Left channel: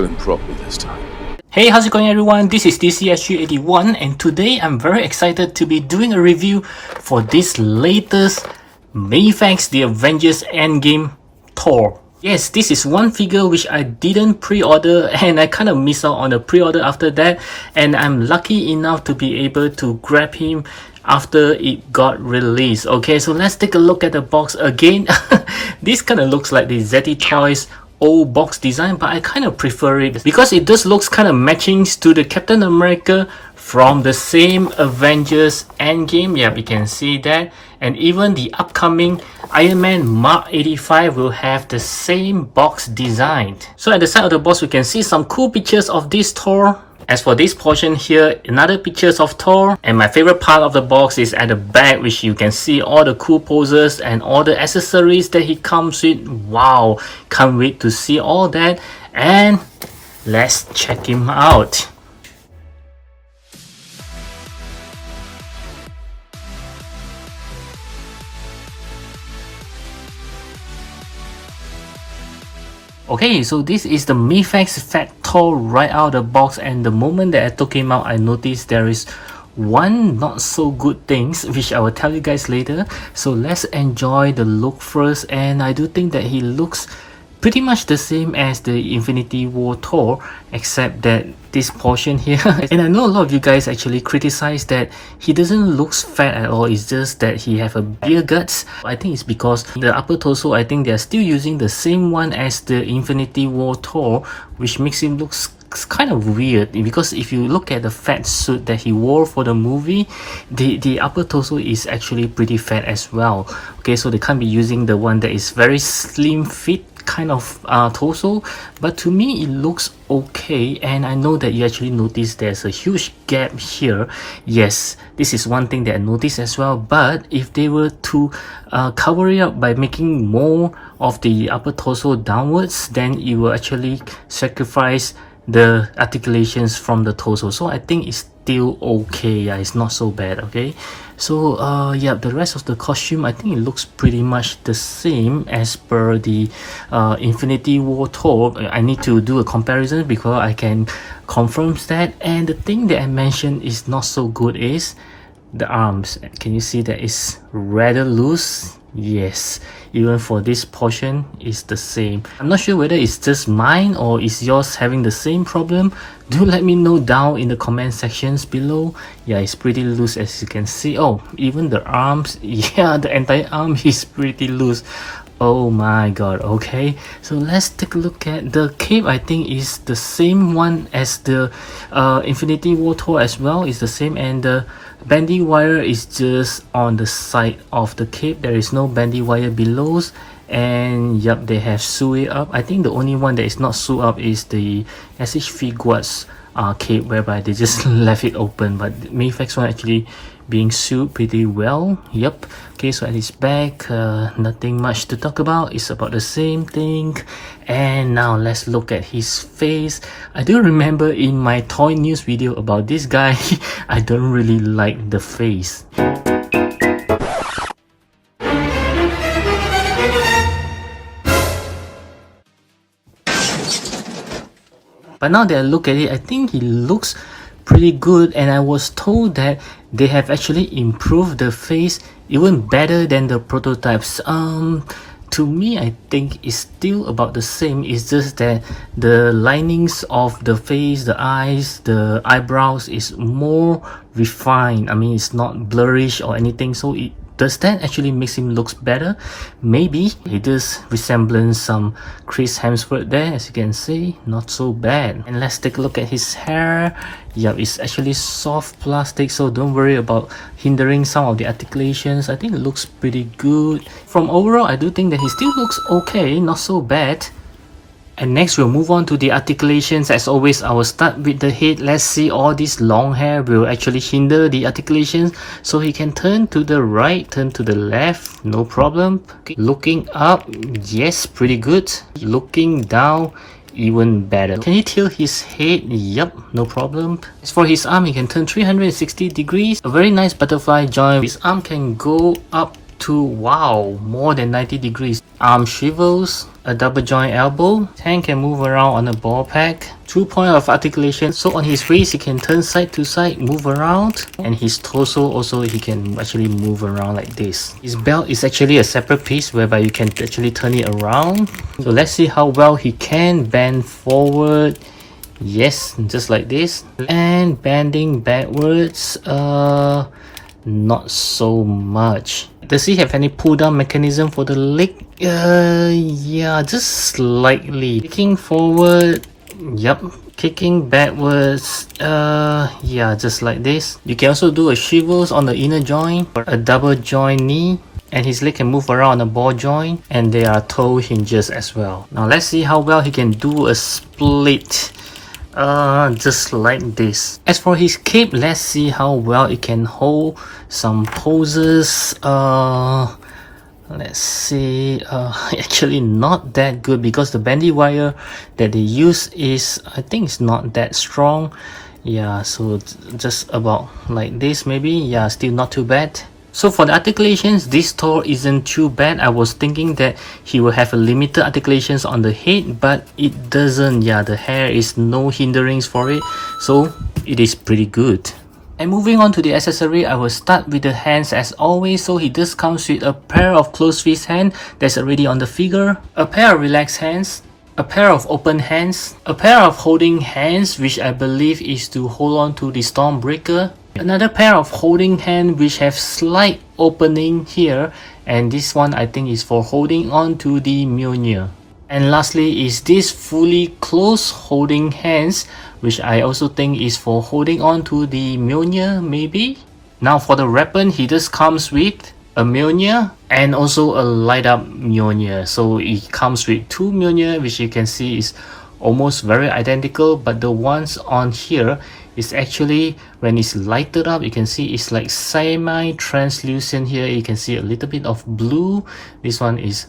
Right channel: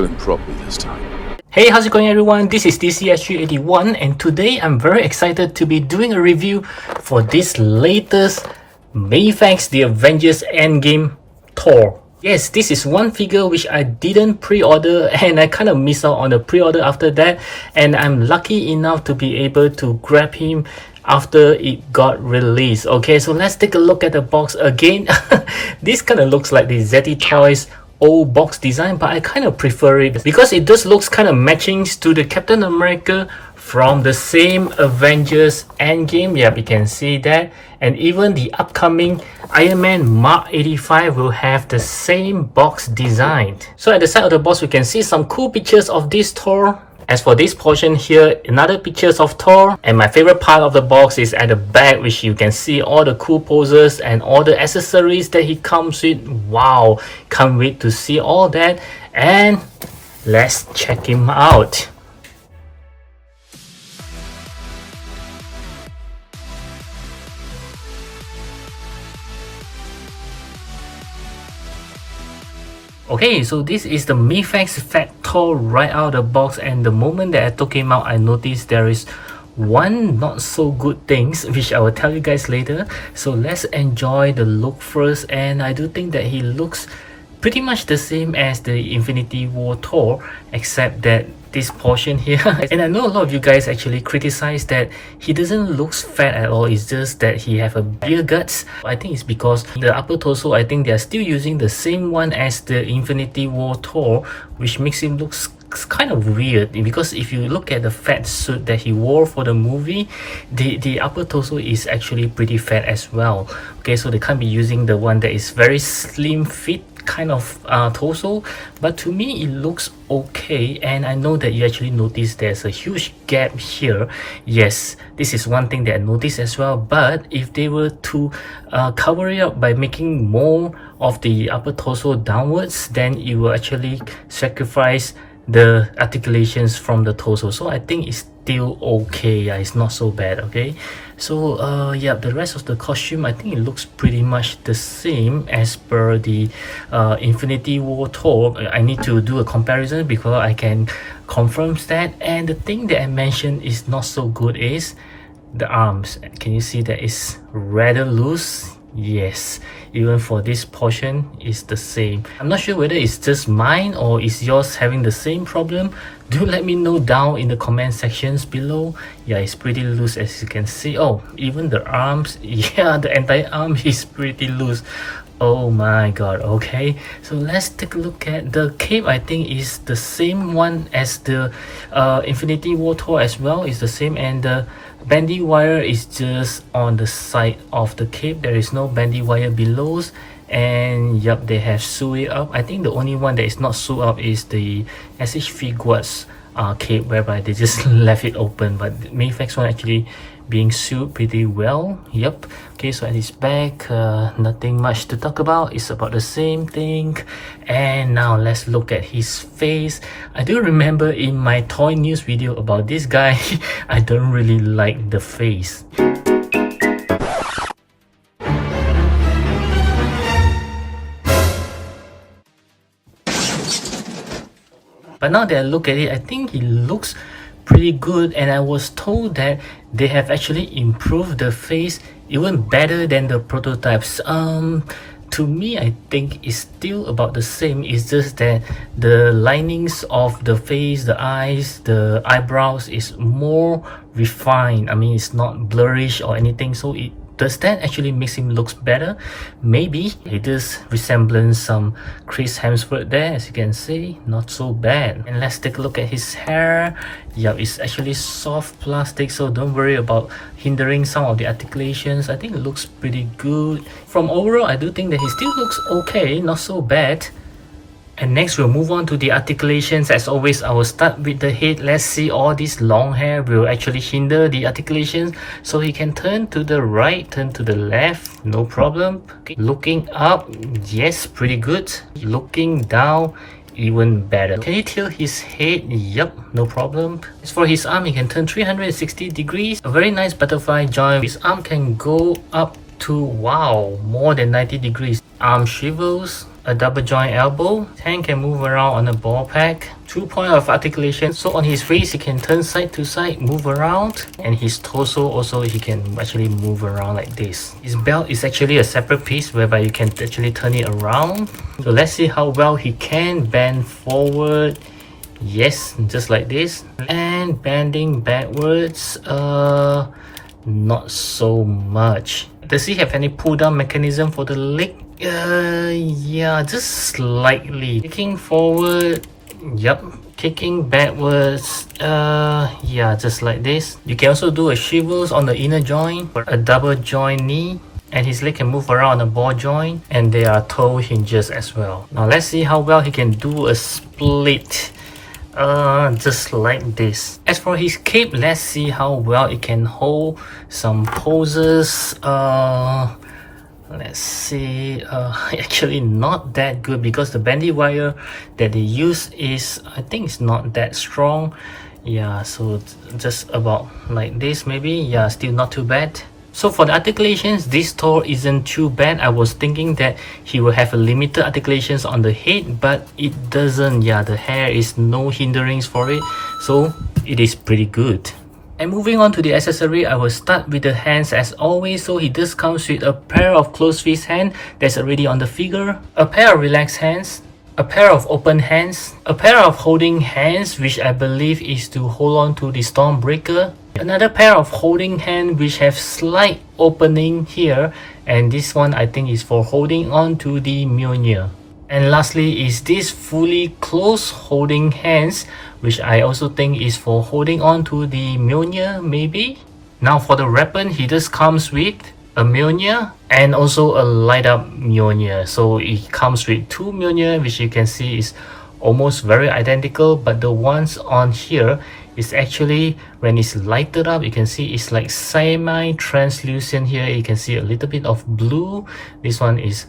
kill him properly this time. Hey, how's it going everyone? This is DCSG81 and today I'm very excited to be doing a review for this latest Mafex The Avengers Endgame Thor. Yes, this is one figure which I didn't pre-order and I kind of missed out on the pre-order after that, and I'm lucky enough to be able to grab him after it got released. Okay, so let's take a look at the box again. This kind of looks like the ZT Toys old box design, but I kind of prefer it because it just looks kind of matching to the Captain America from the same Avengers Endgame. Yeah, we can see that, and even the upcoming Iron Man Mark 85 will have the same box design. So at the side of the box we can see some cool pictures of this Thor. As for this portion here, another pictures of Thor, and my favorite part of the box is at the back, which you can see all the cool poses and all the accessories that he comes with. Wow, can't wait to see all that, and let's check him out. Okay, so this is the Mafex Thor right out of the box, and the moment that I took him out, I noticed there is one not so good things which I will tell you guys later. So let's enjoy the look first, and I do think that he looks pretty much the same as the Infinity War Thor, except that this portion here and I know a lot of you guys actually criticize that he doesn't look fat at all. It's just that he have a beer guts. I think it's because the upper torso, I think they're still using the same one as the Infinity War Thor, which makes him look kind of weird, because if you look at the fat suit that he wore for the movie, the upper torso is actually pretty fat as well. Okay, so they can't be using the one that is very slim fit kind of torso, but to me it looks okay. And I know that you actually notice there's a huge gap here. Yes, this is one thing that I noticed as well, but if they were to cover it up by making more of the upper torso downwards, then it will actually sacrifice the articulations from the torso. So I think it's still okay. Yeah, it's not so bad. Okay, so yeah, the rest of the costume, I think it looks pretty much the same as per the Infinity War Thor. I need to do a comparison because I can confirm that. And the thing that I mentioned is not so good is the arms. Can you see that it's rather loose? Yes, even for this portion is the same. I'm not sure whether it's just mine or is yours having the same problem. Do let me know down in the comment sections below. Yeah, it's pretty loose as you can see. Oh, even the arms, yeah, the entire arm is pretty loose. Oh my god. Okay, so let's take a look at the cape. I think is the same one as the Infinity War Thor as well. It's the same, and the bandy wire is just on the side of the cape. There is no bandy wire below, and yep, they have sewed it up. I think the only one that is not sewed up is the SH Figuarts cape, whereby they just left it open, but the Mafex one actually being sewed pretty well. Yep. Okay, so at his back, nothing much to talk about. It's about the same thing. And now let's look at his face. I do remember in my toy news video about this guy, I don't really like the face. But now that I look at it, I think he looks pretty good, and I was told that they have actually improved the face even better than the prototypes. To me, I think it's still about the same. It's just that the linings of the face, the eyes, the eyebrows is more refined. I mean, it's not blurrish or anything, so does that actually makes him looks better? Maybe. It does resemble some Chris Hemsworth there, as you can see. Not so bad. And let's take a look at his hair. Yeah, it's actually soft plastic, so don't worry about hindering some of the articulations. I think it looks pretty good. From overall, I do think that he still looks okay, not so bad. And next we'll move on to the articulations. As always, I will start with the head. Let's see, all this long hair will actually hinder the articulations, so he can turn to the right, turn to the left, no problem. Okay. Looking up, yes, pretty good. Looking down, even better. Can he tilt his head? Yep, no problem. As for his arm, he can turn 360 degrees. A very nice butterfly joint. His arm can go up to, wow, more than 90 degrees. Arm swivels, a double joint elbow, hand can move around on a ball pack, 2 point of articulation, so on his waist he can turn side to side, move around, and his torso also he can actually move around like this. His belt is actually a separate piece whereby you can actually turn it around. So let's see how well he can bend forward. Yes, just like this. And bending backwards, not so much. Does he have any pull down mechanism for the leg? Yeah, just slightly. Kicking forward, yep. Kicking backwards, yeah, just like this. You can also do a swivels on the inner joint, a double joint knee, and his leg can move around on a ball joint, and there are toe hinges as well. Now let's see how well he can do a split. Just like this. As for his cape, let's see how well it can hold some poses. Let's see, actually not that good because the bandy wire that they use is, I think it's not that strong. Yeah, so just about like this maybe. Yeah, still not too bad. So for the articulations, this Thor isn't too bad. I was thinking that he will have a limited articulations on the head, but it doesn't. Yeah, the hair is no hinderings for it, so it is pretty good. And moving on to the accessory, I will start with the hands as always. So he does comes with a pair of closed fist hand that's already on the figure, a pair of relaxed hands, a pair of open hands, a pair of holding hands, which I believe is to hold on to the Stormbreaker, another pair of holding hand which have slight opening here, and this one I think is for holding on to the Mjolnir. And lastly is this fully closed holding hands, which I also think is for holding on to the Mjolnir maybe. Now for the weapon, he just comes with a Mjolnir and also a light up Mjolnir. So it comes with two Mjolnir, which you can see is almost very identical, but the ones on here is actually, when it's lighted up, you can see it's like semi-translucent here. You can see a little bit of blue. This one is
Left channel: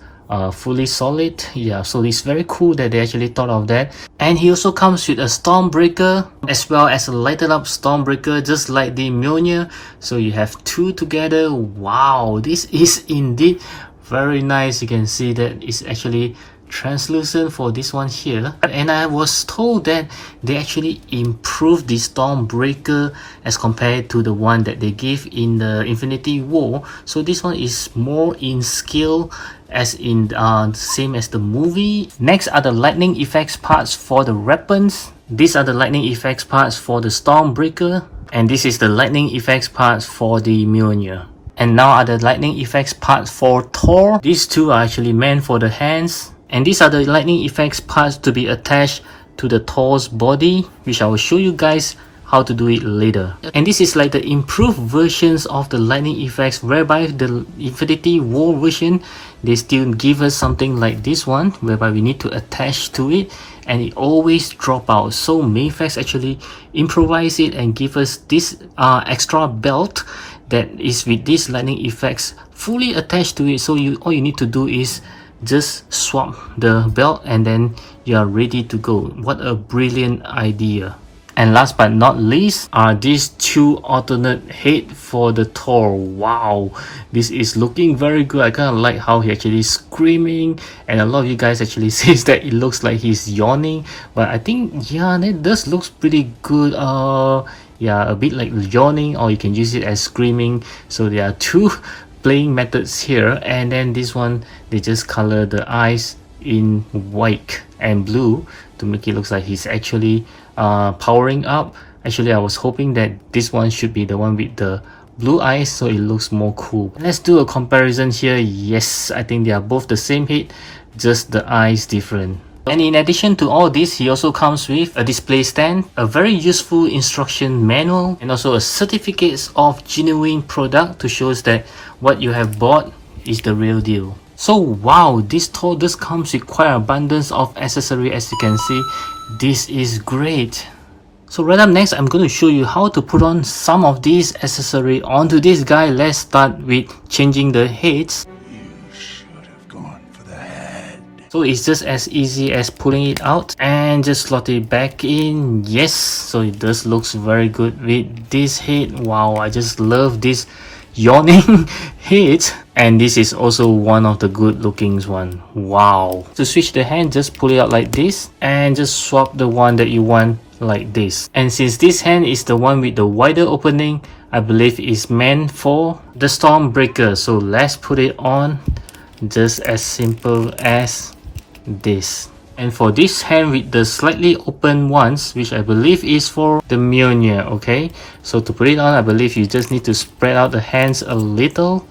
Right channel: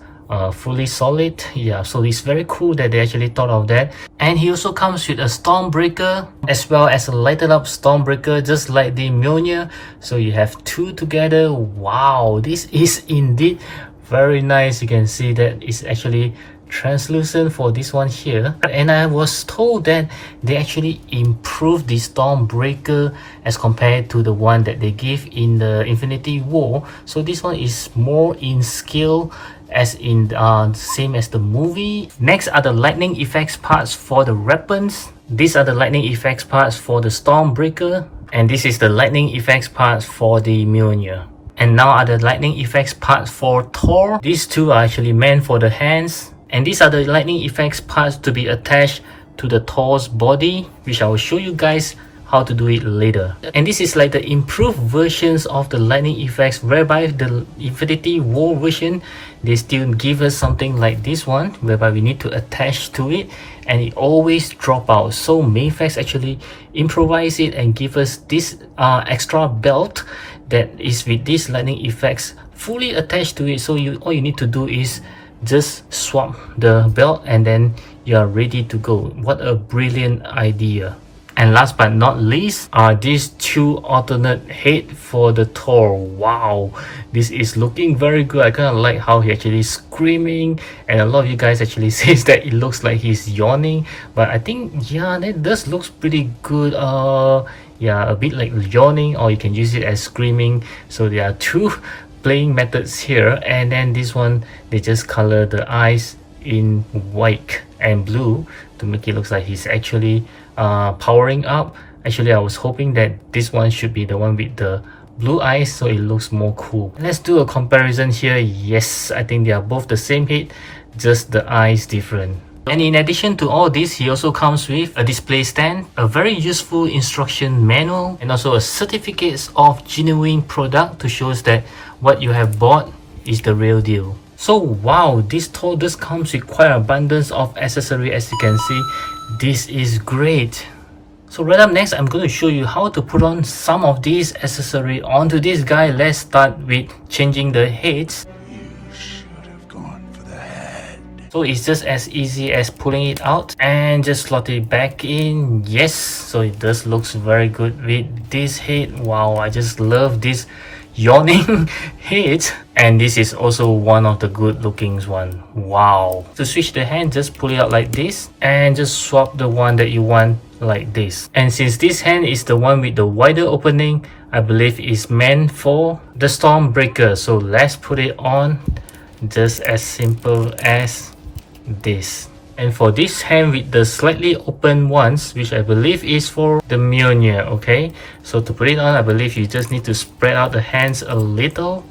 fully solid. Yeah, so it's very cool that they actually thought of that. And he also comes with a Stormbreaker as well as a lighted up Stormbreaker, just like the Mjolnir. So you have two together. Wow, this is indeed very nice. You can see that it's actually translucent for this one here. And I was told that they actually improved the Stormbreaker as compared to the one that they give in the Infinity War. So this one is more in scale, as in same as the movie. Next are the lightning effects parts for the weapons. These are the lightning effects parts for the Stormbreaker, and this is the lightning effects parts for the Mjolnir. And now are the lightning effects parts for Thor. These two are actually meant for the hands, and these are the lightning effects parts to be attached to the Thor's body, which I will show you guys how to do it later. And this is like the improved versions of the lightning effects, whereby the Infinity War version, they still give us something like this one, whereby we need to attach to it and it always drop out. So Mafex actually improvise it and give us this extra belt that is with these lightning effects fully attached to it. So all you need to do is just swap the belt and then you are ready to go. What a brilliant idea. And last but not least are these two alternate head for the Thor. Wow, this is looking very good. I kind of like how he actually screaming, and a lot of you guys actually says that it looks like he's yawning, but I think, yeah, that does looks pretty good. Yeah, a bit like yawning, or you can use it as screaming. So there are two playing methods here. And then this one, they just color the eyes in white and blue to make it look like he's actually powering up. Actually, I was hoping that this one should be the one with the blue eyes, so it looks more cool. Let's do a comparison here. Yes, I think they are both the same head, just the eyes different. And in addition to all this, he also comes with a display stand, a very useful instruction manual, and also a certificate of genuine product to show us that what you have bought is the real deal. So wow, this Thor does comes with quite abundance of accessory. As you can see, this is great. So right up next, I'm going to show you how to put on some of these accessory onto this guy. Let's start with changing the heads. You should have gone for the head. So it's just as easy as pulling it out and just slot it back in. Yes, so it does looks very good with this head. Wow, I just love this yawning head, and this is also one of the good looking one. Wow. To switch the hand, just pull it out like this and just swap the one that you want like this. And since this hand is the one with the wider opening, I believe is meant for the Stormbreaker. So let's put it on just as simple as this. And for this hand with the slightly open ones, which I believe is for the Mjolnir, okay? So to put it on, I believe you just need to spread out the hands a little.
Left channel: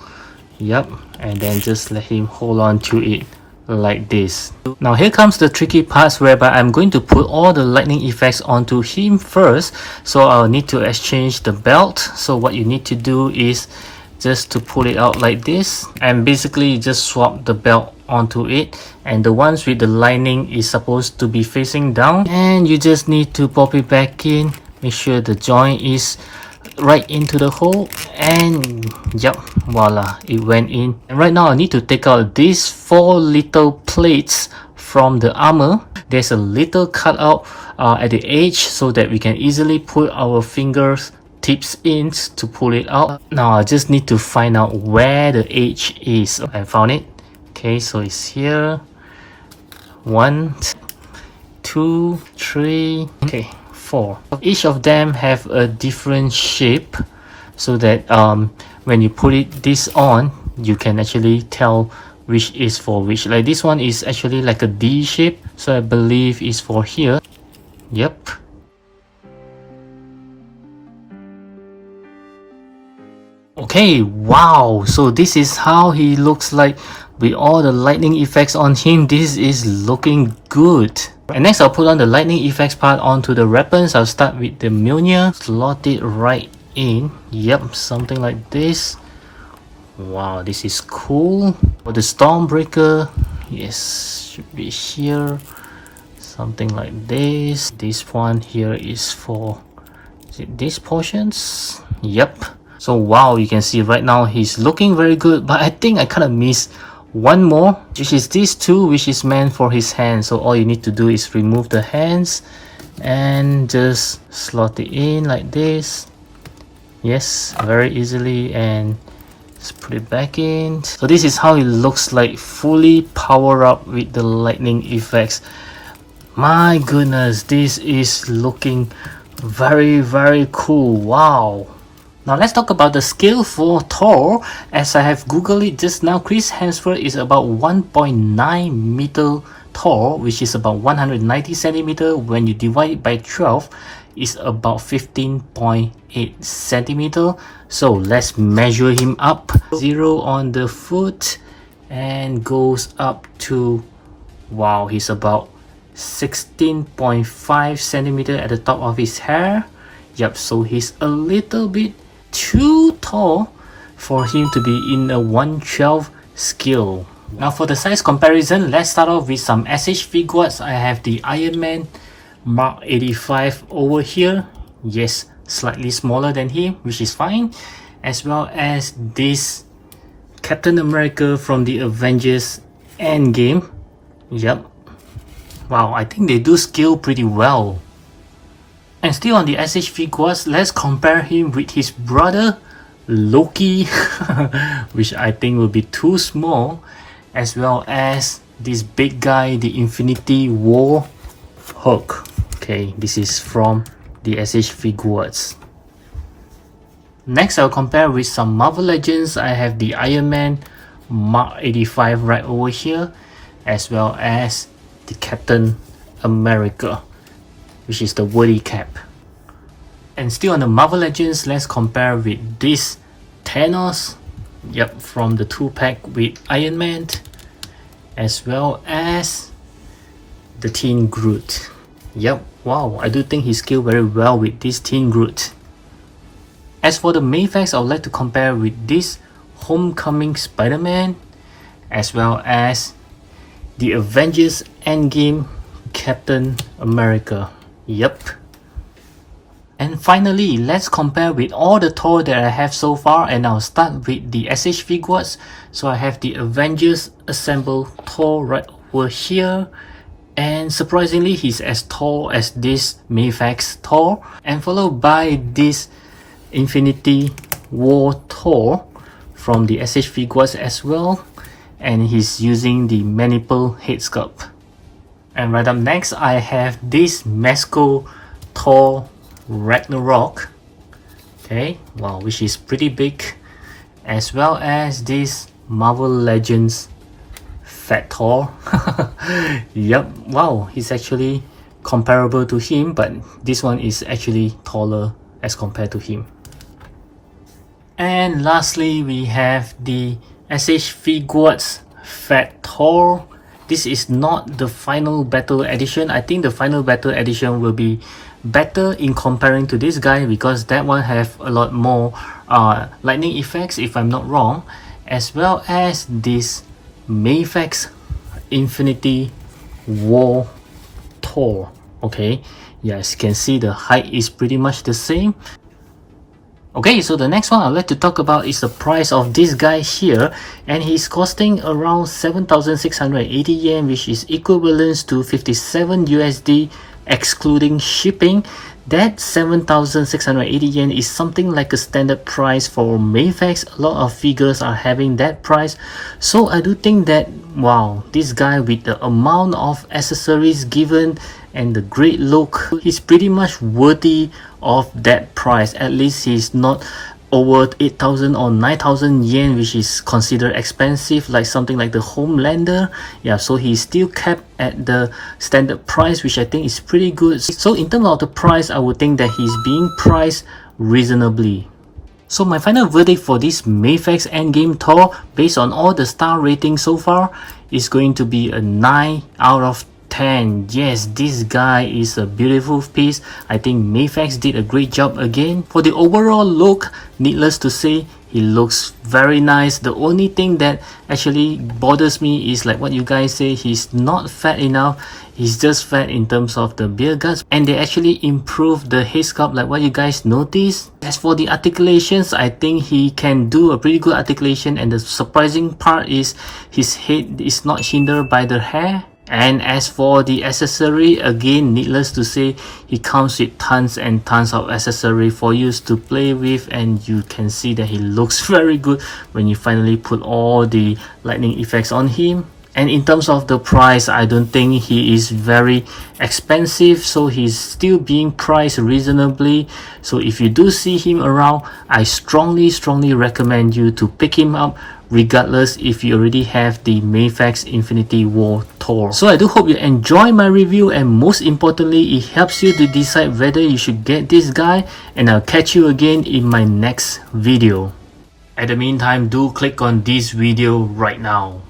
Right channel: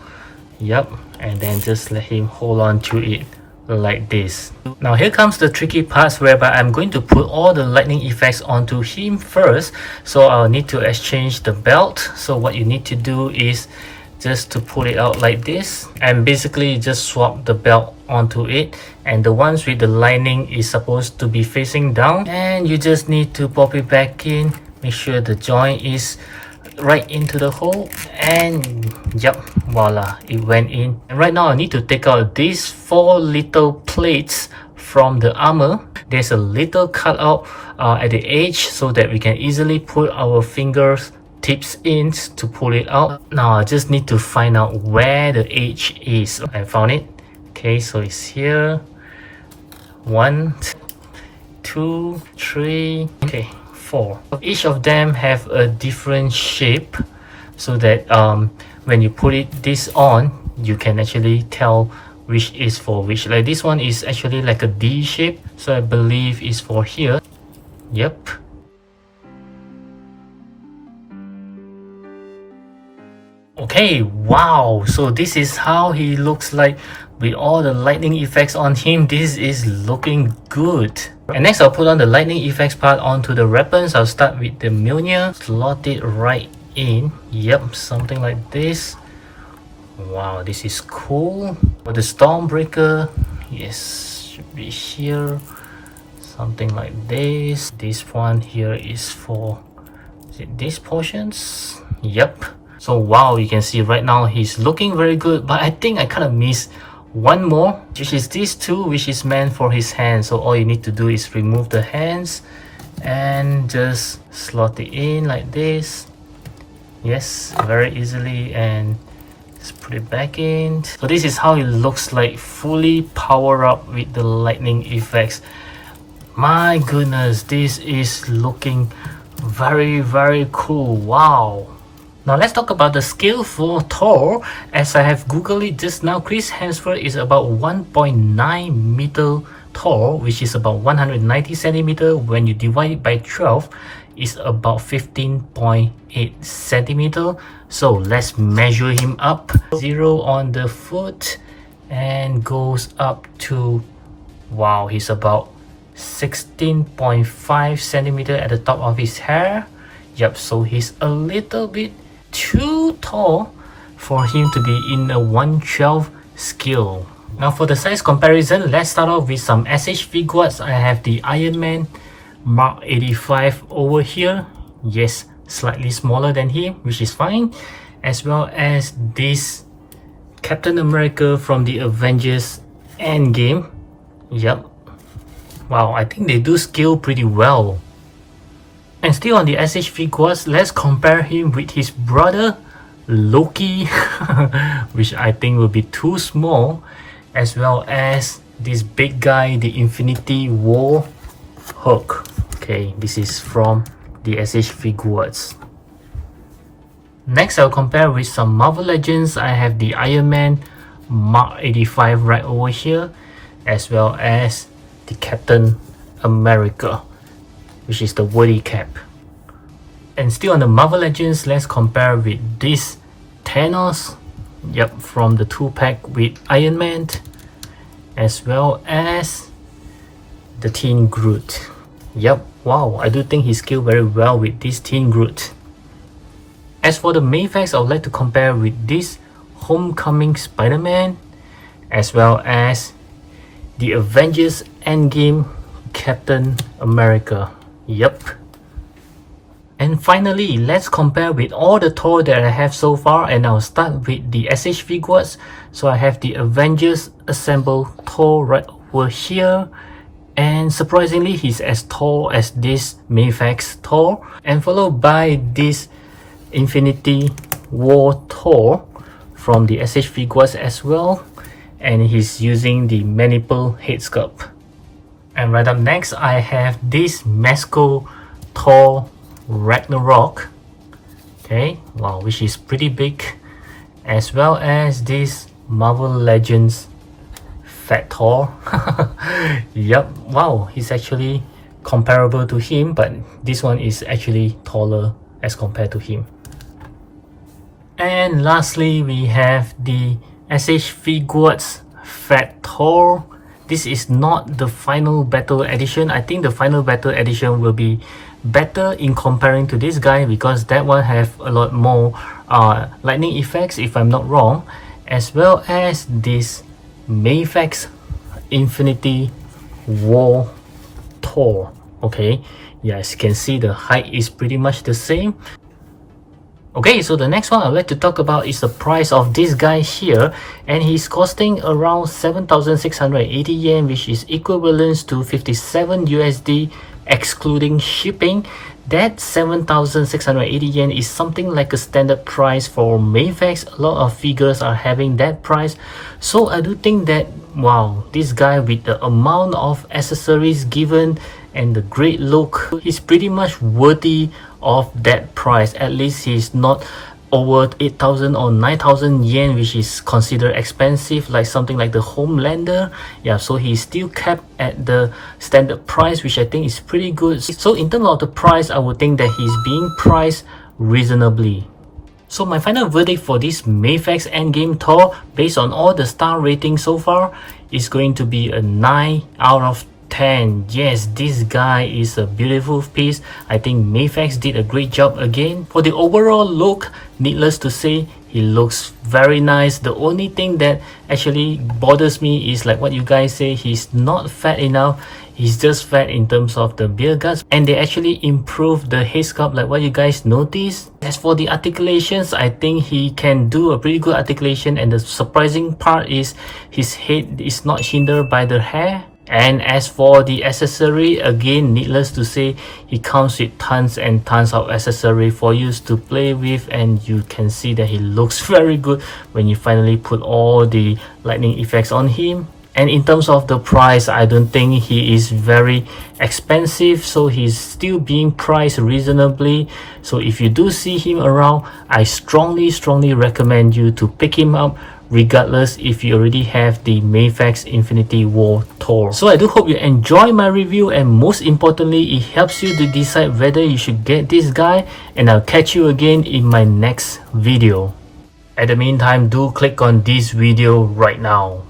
Yep, and then just let him hold on to it like this. Now here comes the tricky parts whereby I'm going to put all the lightning effects onto him first. So I'll need to exchange the belt. So what you need to do is just to pull it out like this, and basically just swap the belt onto it, and the ones with the lining is supposed to be facing down, and you just need to pop it back in. Make sure the joint is right into the hole, and yep, voila, it went in. And right now I need to take out these 4 little plates from the armor. There's a little cutout at the edge so that we can easily put our fingers tips in to pull it out. Now I just need to find out where the edge is. I found it. Okay, so it's here. 1, 2, 3, okay, 4. Each of them have a different shape, so that when you put this on, you can actually tell which is for which. Like this one is actually like a D shape, so I believe is for here. Yep. Okay, wow, so this is how he looks like with all the lightning effects on him. This is looking good. And next I'll put on the lightning effects part onto the weapons. I'll start with the Mjolnir, slot it right in. Yep, something like this. Wow, this is cool. For the Stormbreaker, yes, should be here, something like this. This one here is for, is it these portions? Yep. So wow, you can see right now he's looking very good, but I think I kind of missed one more, which is these two, which is meant for his hands. So all you need to do is remove the hands and just slot it in like this. Yes, very easily, and just put it back in. So this is how it looks like, fully power up with the lightning effects. My goodness, this is looking very, very cool. Wow. Now let's talk about the scale for Thor. As I have googled it just now, Chris Hemsworth is about 1.9 meter tall, which is about 190 centimeter. When you divide it by 12, it's about 15.8 centimeter. So let's measure him up. 0 on the foot and goes up to, wow, he's about 16.5 centimeter at the top of his hair. Yep, so he's a little bit too tall for him to be in a 1/12 scale. Now for the size comparison, let's start off with some SH figures. I have the Iron Man Mark 85 over here. Yes, slightly smaller than him, which is fine. As well as this Captain America from the Avengers Endgame. Yep. Wow, I think they do scale pretty well. And still on the SH figures, let's compare him with his brother Loki, which I think will be too small, as well as this big guy, the Infinity War Hulk. Okay, this is from the SH figures. Next, I'll compare with some Marvel Legends. I have the Iron Man Mark 85 right over here, as well as the Captain America, which is the woody cap. And still on the Marvel Legends, let's compare with this Thanos, yep, from the 2-pack with Iron Man, as well as the Teen Groot. Yep, wow, I do think he scaled very well with this Teen Groot. As for the Mafex, I would like to compare with this Homecoming Spider-Man, as well as the Avengers Endgame Captain America. Yep. And finally, let's compare with all the Thor that I have so far, and I'll start with the SH figures. So I have the Avengers Assemble Thor right over here, and surprisingly he's as tall as this Mafex Thor, and followed by this Infinity War Thor, from the SH figures as well, and he's using the maniple head sculpt. And right up next, I have this Mafex Thor Ragnarok. Okay, wow, which is pretty big, as well as this Marvel Legends Fat Thor. Yep, wow, he's actually comparable to him, but this one is actually taller as compared to him. And lastly, we have the SH Figures Fat Thor. This is not the final battle edition. I think the final battle edition will be better in comparing to this guy, because that one have a lot more lightning effects, if I'm not wrong, as well as this Mafex Infinity War Thor. Okay, yes, you can see the height is pretty much the same. Okay, so the next one I'd like to talk about is the price of this guy here, and he's costing around 7,680 yen, which is equivalent to 57 USD excluding shipping. That 7,680 yen is something like a standard price for Mafex. A lot of figures are having that price, so I do think that, wow, this guy with the amount of accessories given and the great look, he's pretty much worthy of that price. At least he's not over 8,000 or 9,000 yen, which is considered expensive, like something like the Homelander. Yeah, so he's still kept at the standard price, which I think is pretty good. So in terms of the price, I would think that he's being priced reasonably. So my final verdict for this Mafex Endgame Thor, based on all the star ratings so far, is going to be a 9 out of 10. Yes, this guy is a beautiful piece. I think Mafex did a great job again. For the overall look, needless to say, he looks very nice. The only thing that actually bothers me is like what you guys say, he's not fat enough. He's just fat in terms of the beer guts, and they actually improved the head sculpt like what you guys noticed. As for the articulations, I think he can do a pretty good articulation, and the surprising part is his head is not hindered by the hair. And as for the accessory, again, needless to say, he comes with tons and tons of accessory for you to play with, and you can see that he looks very good when you finally put all the lightning effects on him. And in terms of the price, I don't think he is very expensive, so he's still being priced reasonably. So if you do see him around, I strongly recommend you to pick him up, regardless if you already have the Mafex Infinity War Thor. So I do hope you enjoy my review, and most importantly, it helps you to decide whether you should get this guy, and I'll catch you again in my next video. At the meantime, do click on this video right now.